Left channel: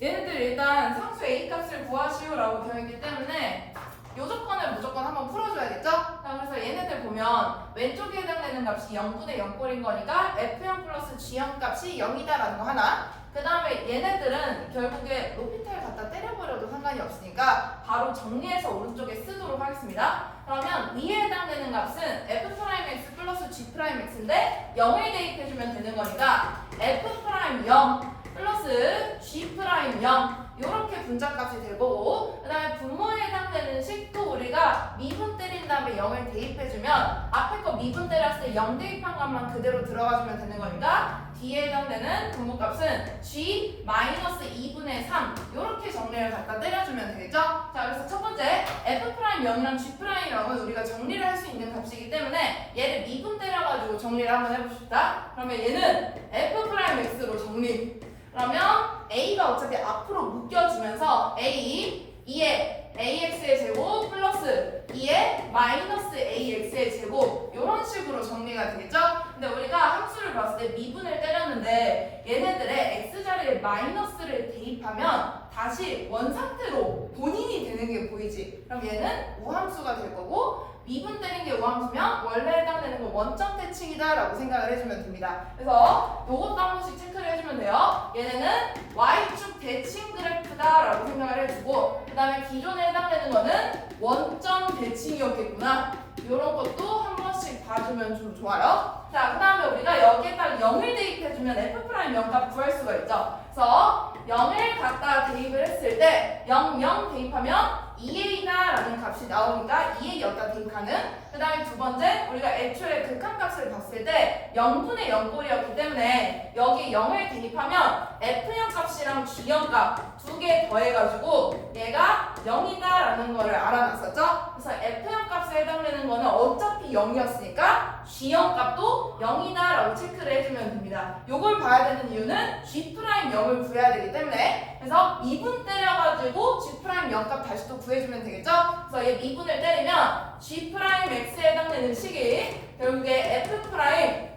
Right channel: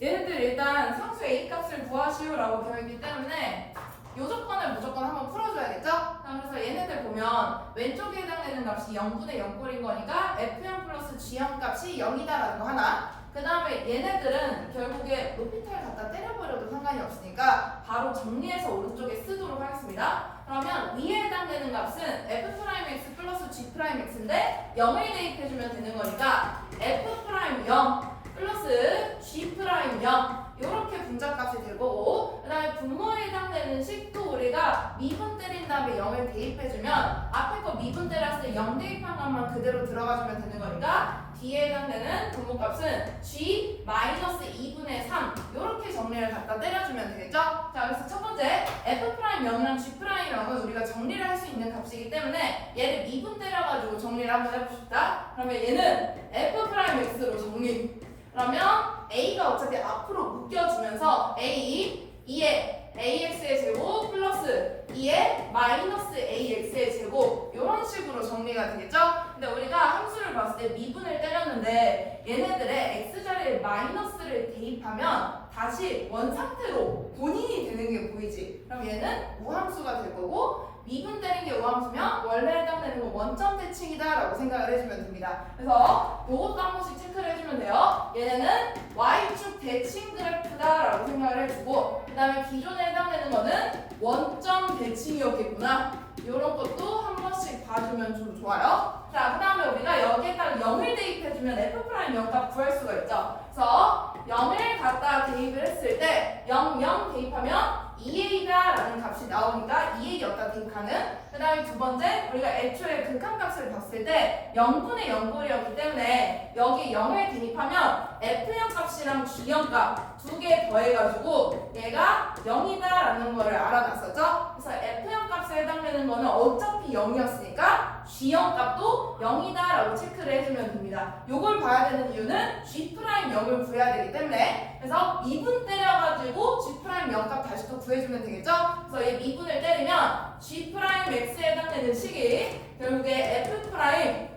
얘네들 일단 상수 A 값을 구하시오라고 되어 있기 때문에 요 조건을 무조건 한번 풀어줘야겠죠? 자, 그래서 얘네들 보면 왼쪽에 해당되는 값이 0분의 0꼴인 거니까 F0 플러스 G0 값이 0이다라는 거 하나. 그 다음에 얘네들은 결국에 높이탈 갖다 때려버려도 상관이 없으니까 바로 정리해서 오른쪽에 쓰도록 하겠습니다. 그러면 위에 해당되는 값은 F'X 플러스 G'X인데 0을 대입해주면 되는 거니까 F'0 플러스 G'0 이렇게 분자값이 될 거고, 그 다음에 분모에 해당되는 식도 우리가 미분 때린 다음에 0을 대입해주면 앞에 거 미분 때렸을 때 0 대입한 값만 그대로 들어가주면 되는 거니까 D에 해당되는 분모값은 G-2분의 3 이렇게 정리를 갖다 때려주면 되겠죠? 자, 그래서 첫 번째 F'0이랑 G'0은 우리가 정리를 할 수 있는 값이기 때문에 얘를 미분 때려가지고 정리를 한번 해봅시다. 그러면 얘는 F'X로 정리. 그러면 A가 어차피 앞으로 묶여주면서 A 2의 AX의 제곱 플러스 2의 마이너스 AX의 제곱 이런 식으로 정리가 되겠죠? 근데 우리가 함수를 봤을 때 미분을 때렸는데 얘네들의 X자리에 마이너스를 대입하면 다시 원상태로 본인이 되는 게 보이지? 그럼 얘는 우함수가 될 거고 미분 때린 게 우함수면 원래 해당되는 건 원점 대칭이다 라고 생각을 해주면 됩니다. 그래서 요것도 한 번씩 체크를 해주면 돼요. 얘네는 Y축 대칭 그래프다 라고 생각을 해주고, 그 다음에 기존에 해당되는 거는 원점 대칭이었겠구나, 이런 것도 한 번씩 봐주면 좀 좋아요. 자, 그 다음에 우리가 여기에다가 0을 대입해주면 F'0 값 구할 수가 있죠. 그래서 0을 갖다 대입을 했을 때 0, 0 대입하면 2a다 라는 값이 나오니까 2a 여기다 대입하는. 그 다음에 두 번째, 우리가 애초에 극한값을 봤을 때 0분의 0꼴이었기 때문에 여기 0을 대입하면 F0 값이랑 G0 값 두 개 더해가지고 얘가 0이다 라는 거를 알아놨었죠. 그래서 F0 값에 해당되는 거는 어차피 0이었으니까 G0 값도 0이다 라고 체크를 해주면 됩니다. 요걸 봐야 되는 이유는 G'0을 구해야 되기 때문에. 그래서 미분 때려가지고 G'0 값 다시 또 구해주면 되겠죠? 그래서 얘 미분을 때리면 G'X에 해당되는 식이 결국에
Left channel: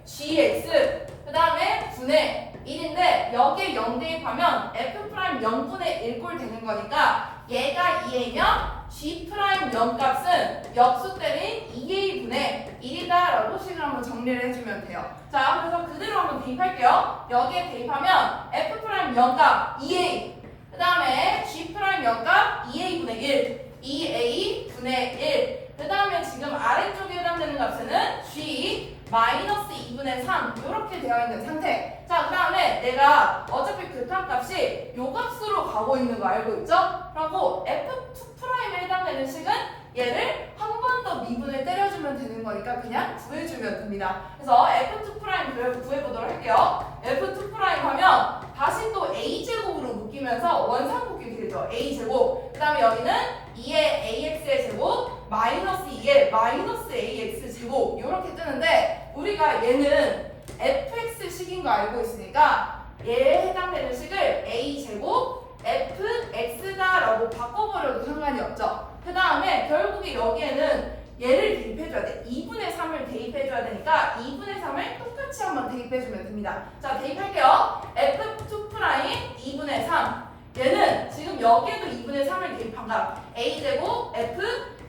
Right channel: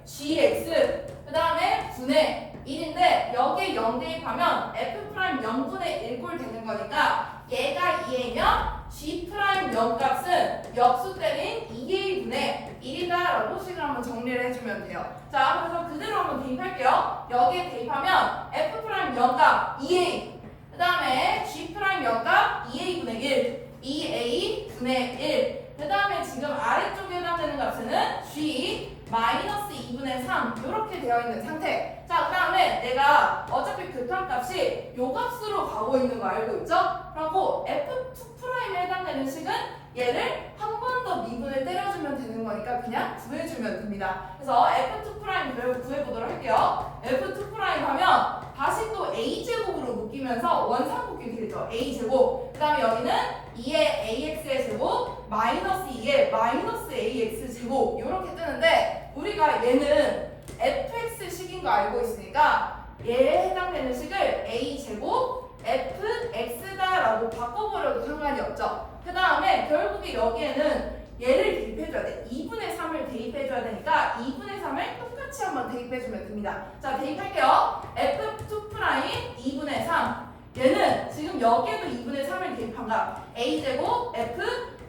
F'GX 그 다음에 분의 1인데 여기에 0 대입하면 F' 0분의 1꼴 되는 거니까 얘가 2a면 G'0 값은 역수 때린 2a분의 1이다 라고 식을 한번 정리를 해주면 돼요. 자, 그래서 그대로 한번 대입할게요. 여기에 대입하면 F'0 값 2a 그 다음에 G'0 값 2a분의 1 2a분의 1 그 다음에 지금 아래쪽에 해당되는 값에는 G 마이너스 2분의 3 이렇게 되어 있는 상태. 자, 그 다음에 내가 어차피 극한값이 요 값으로 가고 있는 거 알고 있죠? 그리고 F2'에 해당되는 식은 얘를 한 번 더 미분을 때려주면 되는 거니까 그냥 구해주면 됩니다. 그래서 F2' 구해보도록 할게요. F2' 하면 다시 또 A제곱으로 묶이면서 원상복귀 되죠. A제곱. 그 다음에 여기는 2의 AX의 제곱 마이너스 2의 마이너스 AX 제곱 이렇게 뜨는데 우리가 얘는 fx식인 거 알고 있으니까 얘에 해당되는 식을 a제곱 fx다라고 바꿔버려도 상관이 없죠. 그 다음에 결국에 여기에는 얘를 대입해줘야 돼. 2분의 3을 대입해줘야 되니까 2분의 3을 똑같이 한번 대입해주면 됩니다. 자, 대입할게요. f2' 2분의 3 얘는 지금 여기에도 2분의 3을 대입한 값 a제곱 f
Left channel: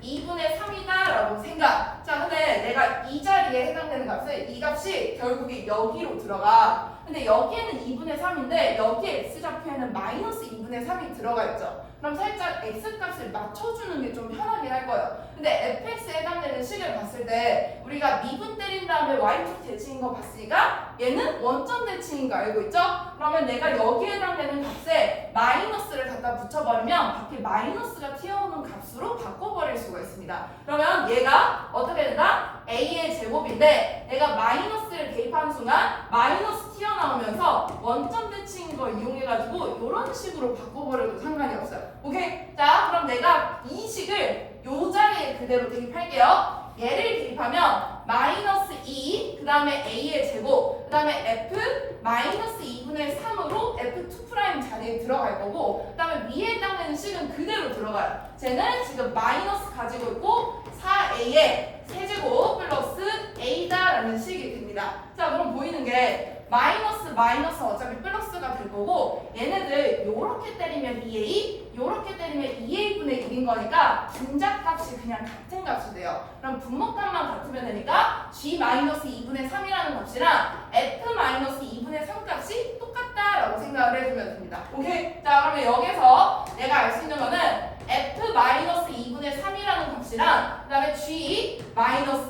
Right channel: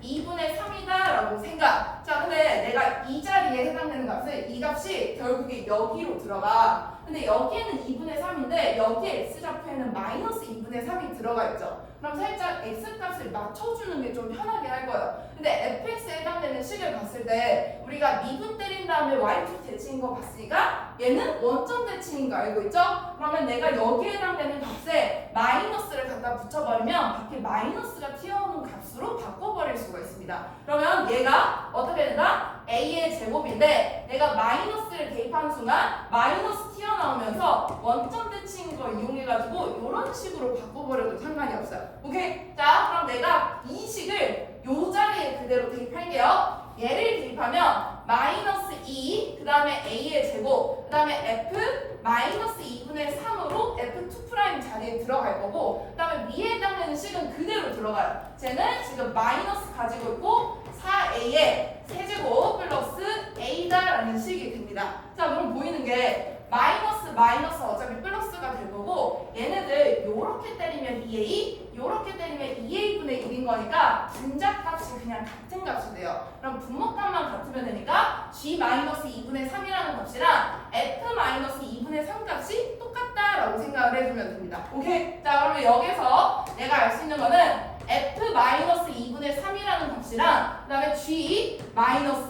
2분의 3이다 라고 생각. 자, 근데 내가 이 자리에 해당되는 값을 이 값이 결국에 여기로 들어가. 근데 여기에는 2분의 3인데 여기에 x좌표에는 마이너스 2분의 3이 들어가 있죠. 그럼 살짝 x값을 맞춰주는 게 좀 편하게 할 거예요. 근데 fx에 해당되는 식을 봤을 때 우리가 미분 때린 다음에 y축 대칭인 거 봤으니까 얘는 원점 대칭인 거 알고 있죠? 그러면 내가 여기에 해당되는 값에 마이너스를 갖다 붙여버리면 밖에 마이너스가 튀어오는 값으로 바꿔버릴 수가 있습니다. 그러면 얘가 어떻게 된다? a의 제곱인데 내가 마이너스를 대입하는 순간 마이너스 튀어나오면서 원점 대칭인 걸 이용해가지고 이런 식으로 바꿔버려도 상관이 없어요. 오케이? 자, 그럼 내가 이 식을 요 자리에 그대로 대입할게요. 얘를 대입하면 마이너스 2, 그 다음에 a의 제곱, 그 다음에 f 마이너스 2분의 3으로 f2' 자리에 들어갈 거고, 그 다음에 위에 해당되는 식은 그대로 들어가요. 쟤는 지금 마이너스 가지고 있고 4a의 세제곱 플러스 a다라는 식이 됩니다. 자, 그럼 보이는 게 마이너스 어차피 플러스가 될 거고 얘네들 요 요렇게 때리면 2a, 요렇게 때리면 2a분의 1인 거니까 분자값이 그냥 같은 값이 돼요. 그럼 분모값만 같으면 되니까 g-2분의 3이라는 값이랑 f-2분의 3 값이 똑같다라고 생각을 해주면 됩니다. 오케이? 자, 그러면 여기서 내가 알 수 있는 거는 f-2분의 3이라는 값이랑 그 다음에 g-2분의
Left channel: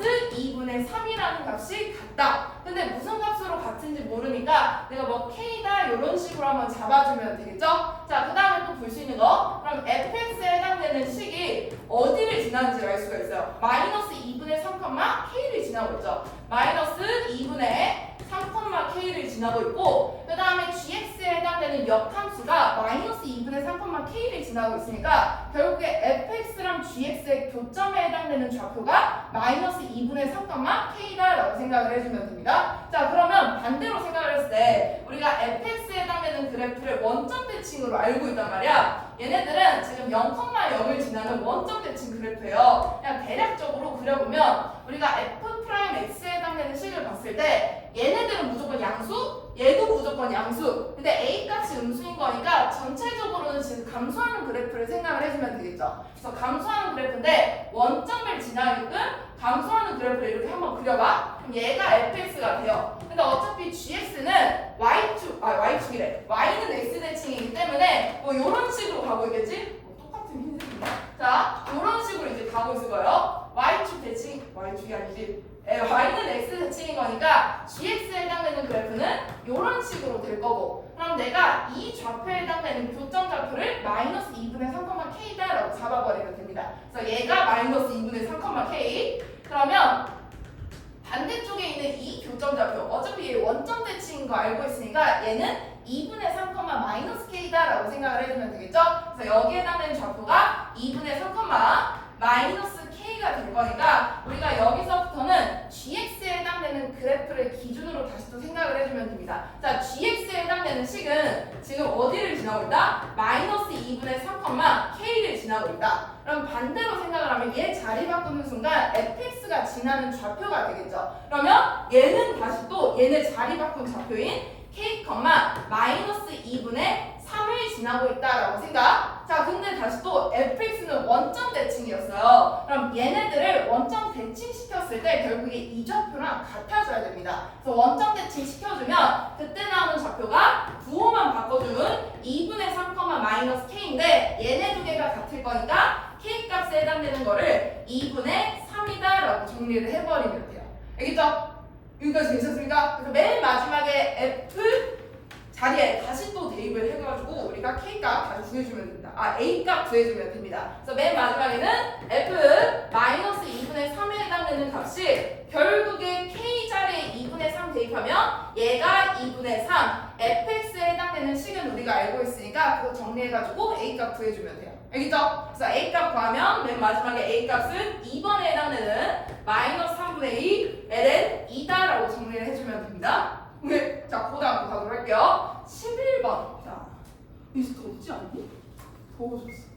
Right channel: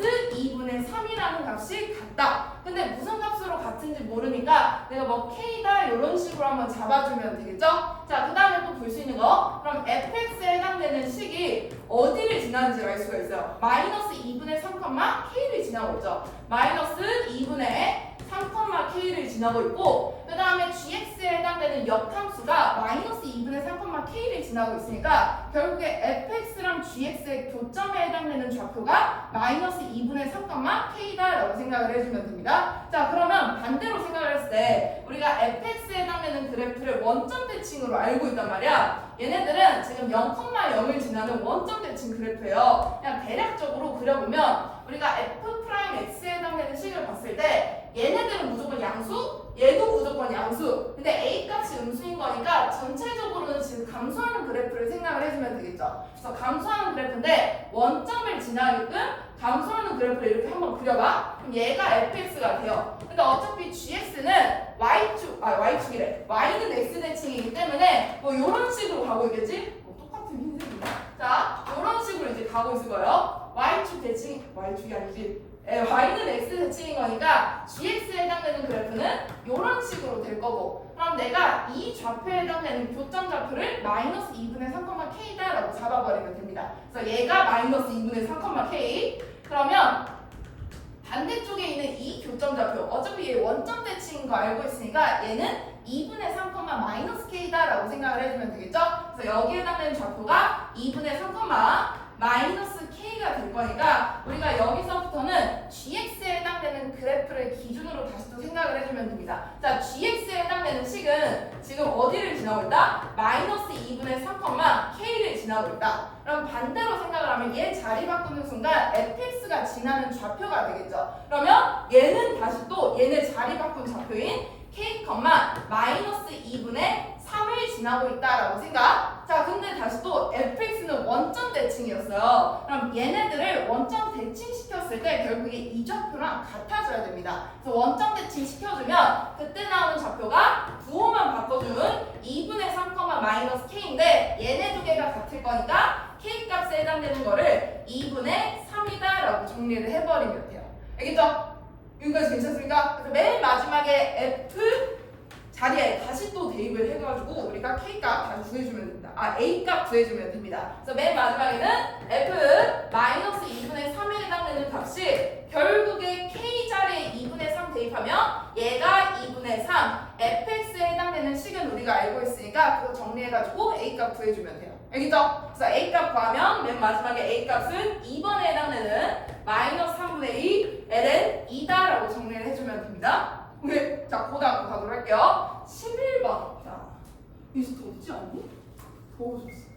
3이라는 값이 같다. 근데 무슨 값으로 같은지 모르니까 내가 뭐 k다 이런 식으로 한번 잡아주면 되겠죠? 자, 그 다음에 또 볼 수 있는 거, 그럼 fx에 해당되는 식이 어디를 지나는지 알 수가 있어요. 마이너스 2분의 3, k를 지나고 있죠. 마이너스 2분의 3, k를 지나고 있고, 그 다음에 gx에 해당되는 역함수가 마이너스 2분의 3, k를 지나고 있으니까 결국에 fx랑 gx의 교점에 해당되는 좌표가 마이너스 2분의 3, k다라고 생각을 해주면 됩니다. 자, 그러면 반대로 생각을 했을 때 우리가 fx에 해당되는 그래프를 원점 대칭으로 알고 있단 말이야. 얘네들은 지금 0,0을 지나는 원점 대칭 그래프예요. 그냥 대략적으로 그려보면 우리가 f'x에 해당되는 식을 봤을 때 얘네들은 무조건 양수, 얘도 무조건 양수. 근데 a 값이 음수인 거니까 전체적으로는 지금 감소하는 그래프를 생각을 해주면 되겠죠. 그래서 감소하는 그래프인데 원점을 지나게끔 감소하는 그래프를 이렇게 한번 그려봐. 그럼 얘가 fx가 돼요. 근데 어차피 gx는 y축이래. y는 x 대칭이기 때문에 뭐 이런 식으로 가고 있겠지? 뭐 똑같은 흰색이네. 자, 이런 식으로 이제 가고 있을 거예요. y축 대칭, y축이 아니지. y는 x 대칭인 거니까 gx에 해당되는 그래프는 이런 식으로 될 거고, 그럼 내가 이 좌표에 해당되는 교점 좌표를 마이너스 2분의 3, k다라고 잡아버리면 됩니다. 그래서 얘가 마이너스 2분의 3, k. 그러면 반대쪽에 있는 이 교점 좌표, 어차피 얘 원점 대칭인 거 알고 있으니까 얘는 2분의 3, 마이너스 k다라고 생각을 해주면 되겠죠? 그래서 여기에 해당되는 좌표가 2분의 3, 마이너스 k가 될 거니까 우리가 여기서부터는 gx에 해당되는 그래프를 기준으로 다시 또 생각을 해주면 됩니다. 자, gx에 해당되는 식은 지금 어디를 지나고 있다? 마이너스 2분의 3, k를 지나고 있다. 그럼 반대로 생각을 하면 얘 자리 바꾸는 순간 fx가 지나는 좌표가 되겠죠. 그러면 얘는 다시 또 얘네 자리 바꾼 좌표인 k, 마이너스 2분의 3을 지나고 있다라고 생각. 자, 근데 다시 또 fx는 원점 대칭이었어요. 그럼 얘네들을 원점 대칭 시켰을 때 결국에 이 좌표랑 같아져야 됩니다. 그래서 원점 대칭 시켜주면 그때 나오는 좌표가 부호만 바꿔주면 2분의 3, 마이너스 k인데 얘네 두 개가 같을 거니까 k 값에 해당되는 거를 2분의 3이다라고 정리를 해버리면 돼요. 알겠죠? 여기까지 괜찮습니까? 그래서 맨 마지막에 f 자리에 다시 또 대입을 해가지고 우리가 k값 다시 구해주면 됩니다. a값 구해주면 됩니다. 그래서 맨 마지막에는 f-2분의 3에 해당되는 값이 결국에 k 자리에 2분의 3 대입하면 얘가 2분의 3, fx에 해당되는 식은 우리가 알고 있으니까 그거 정리해가지고 a값 구해주면 돼요. 알겠죠? 그래서 a값 구하면 맨 마지막에 a값은 2번에 해당되는 마이너스 3분의 2 ln 2다라고 정리를 해주면 됩니다. 오케이. 자, 그 다음 가도록 할게요. 11번. 자, 이제 덥지 않니? 더워졌어.